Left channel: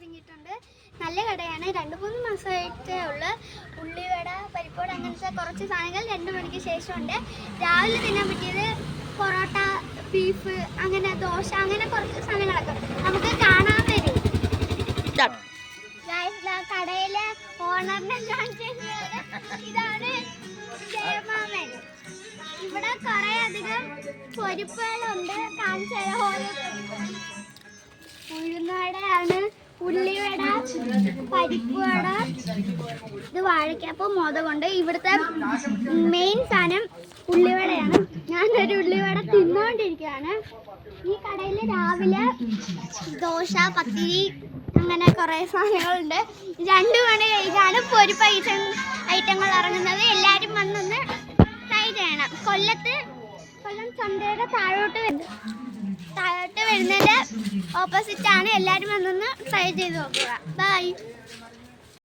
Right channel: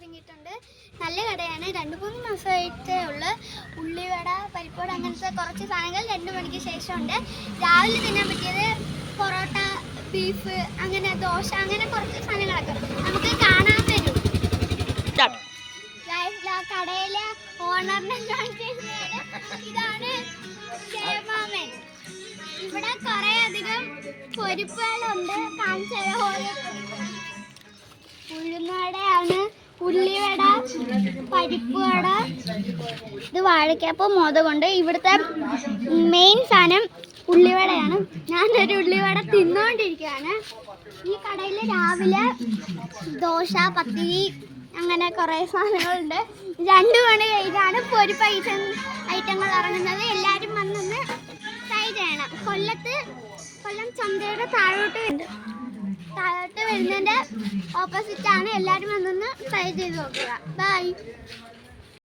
ഇറങ്ങിയിട്ടുണ്ട്. നല്ല കടയാണ്. 2-3 മാസമായിട്ടേ ഉള്ളു. ഉള്ളിവട, പരിപ്പുവട അങ്ങനത്തെ കുറച്ച് സാധനങ്ങൾ 2 മണിക്ക് ശേഷം ഉണ്ട്. രാവിലെ തിന്നാൻ പറ്റിയത് പൊറോട്ട, ബീഫ്, അങ്ങനെ ദോശ, അങ്ങനെ കുറച്ച് സാധനങ്ങളൊക്കെ നമുക്ക് കാണാൻ വരും. കടയിലെ ഓണറിനെ ഇതാണ് ജയമാമൻ. ഇവിടെ കുറെ അധികം പൊരിപ്പുകളുണ്ട്. ഉഴുന്നുവടയാണ്, ഉള്ളിവട, പരിപ്പുവട, ഇത് വാഴയ്ക്കപ്പം, മോദകമുണ്ട്. ഇവിടുത്തെ മെയിൻ സാധനം ഉള്ളിവടയാണ്. ഞാനൊരു ഉള്ളിവട തിന്നുകൊണ്ടിരിക്കുകയാണ്. ഈ കടയിൽ രാവിലെ ദോശ, പത്തിരി, അങ്ങനെ കുറേ സാധനങ്ങളുണ്ട്. 2 മണി കഴിഞ്ഞാണ് പൊരിപ്പ് ഐറ്റങ്ങൾ ഇറങ്ങുന്നത്. എല്ലാവരും വന്നൊന്ന് ട്രൈ ചെയ്യണം. കൊല്ലം ചന്തയുടെ താഴോട്ട് വരുന്നതിൻ്റെ ഓപ്പോസിറ്റാണ്. എല്ലാവരും വന്നൊന്ന് ട്രൈ ചെയ്ത് നോക്കുക. ബൈ.